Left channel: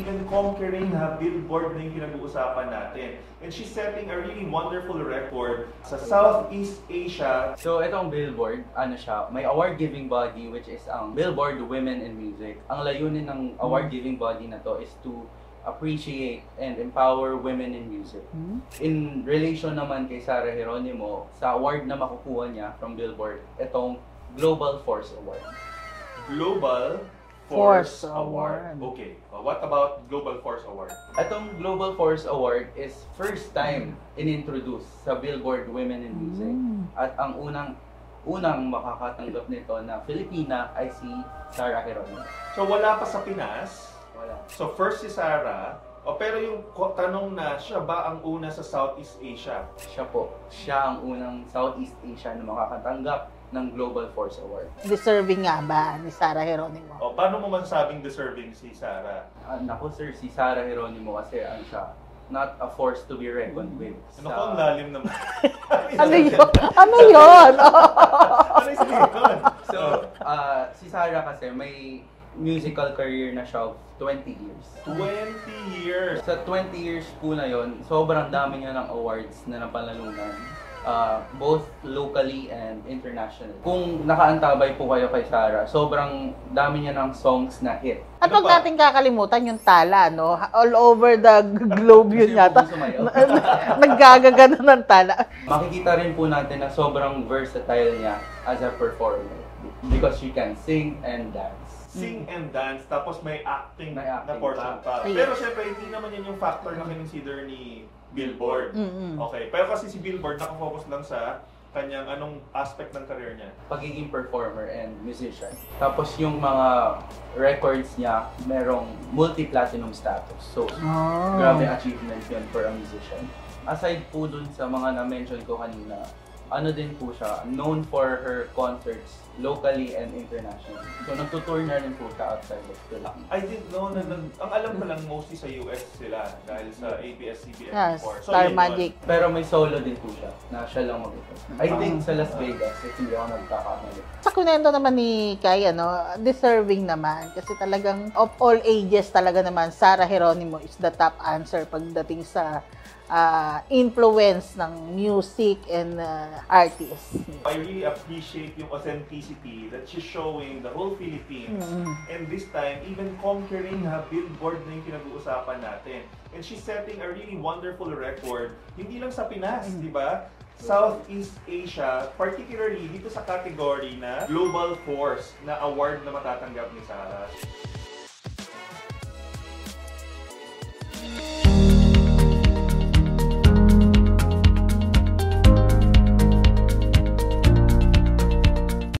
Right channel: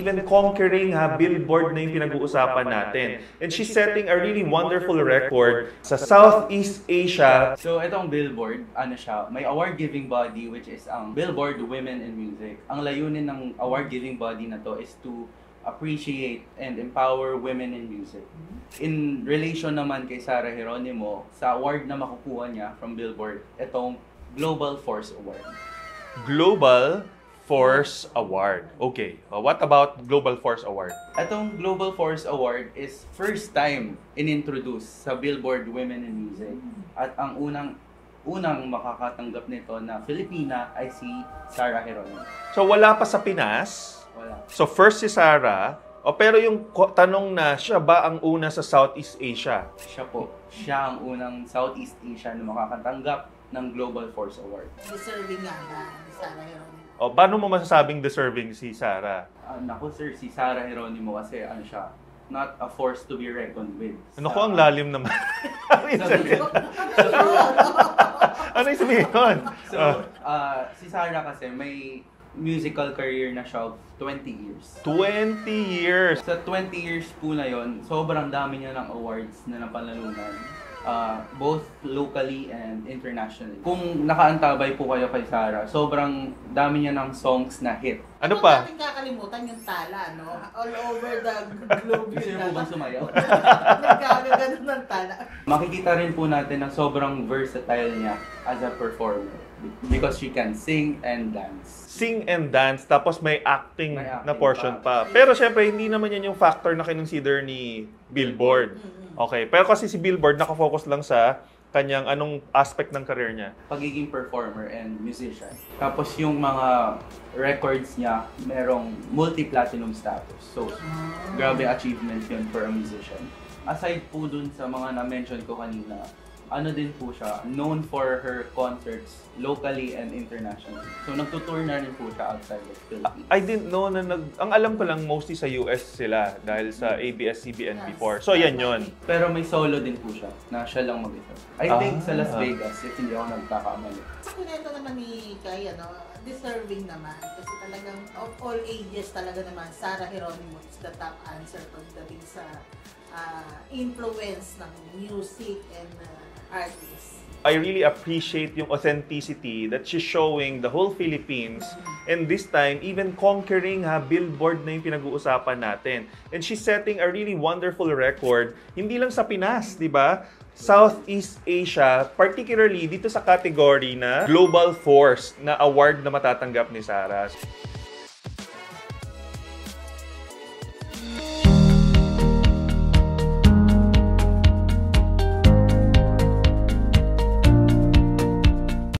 even conquering Billboard na yung pinag-uusapan natin. And she's setting a really wonderful record sa Southeast Asia. So itong Billboard, ano siya, may award-giving body which is ang Billboard Women in Music. Ang layunin ng award-giving body na to is to appreciate and empower women in music. In relation naman kay Sarah Geronimo, sa award na makukuha niya from Billboard, itong Global Force Award. Global Force Award. Okay. What about Global Force Award? Itong Global Force Award is first time in-introduce sa Billboard Women in Music. At ang unang makakatanggap nito na Filipina ay si Sarah Geronimo. So wala pa sa Pinas. Wala. So first si Sarah. Pero yung tanong na, siya ba ang una sa Southeast Asia? Siya po. Siya ang unang Southeast Asia na makakatanggap ng Global Force Award. Deserving nga ba ni Sarah Geronimo? Paano mo masasabing deserving si Sarah? Naku sir, si Sarah Geronimo kasi ano siya, not a force to be reckoned with. Naku, ang lalim naman. Ano yun? Ano yun? Ano yung sabihin? So, si Sarah kasi may musical career na siya of 20 years. 20 years! Sa 20 years po na yon, sobrang dami niya ng awards na napanalunan. Both locally and internationally. Kung nakaantabay po kayo kay Sarah, sobrang dami niya ng songs na hit. At Ano huwag pa? natin kakalimutan yung tala, no? All over the globe yun yata. Naggagagano ng tala. Makikita rin po natin na sobrang versatile niya as a performer because she can sing and dance. Sing and dance, tapos may acting, May acting na portion pa. pa. Pero syempre, hindi naman yan yung factor na kinonsider ni Billboard. Okay, pero kasi si Billboard nakafocus lang sa kanyang anong aspect ng career niya. Pagiging performer and musician. Tapos yung mga records niya, merong multi-platinum status. So, grabe achievement yun for a musician. Aside po dun sa mga na-mention ko kanina, ano din po siya, known for her concerts locally and internationally. So, nagtutour na rin po siya outside the Philippines. I didn't know na ang alam ko lang mostly sa US sila dahil sa ABS-CBN Yes, before. So, Star yan Magic. yun. Pero may solo din po siya, na siya lang mag-ito. I think sa Las Vegas, if hindi ako nagkakamali. Sa kunento naman ni Kai, deserving naman. Kasi talagang of all ages talaga naman, Sarah Geronimo is the top answer pagdating sa influence ng music and artists. I really appreciate yung authenticity that she's showing the whole Philippines. And this time, even conquering Billboard na yung pinag-uusapan natin. And she's setting a really wonderful record, hindi lang sa Pinas, di ba? Southeast Asia, particularly dito sa category na Global Force na award na matatanggap ni Sarah.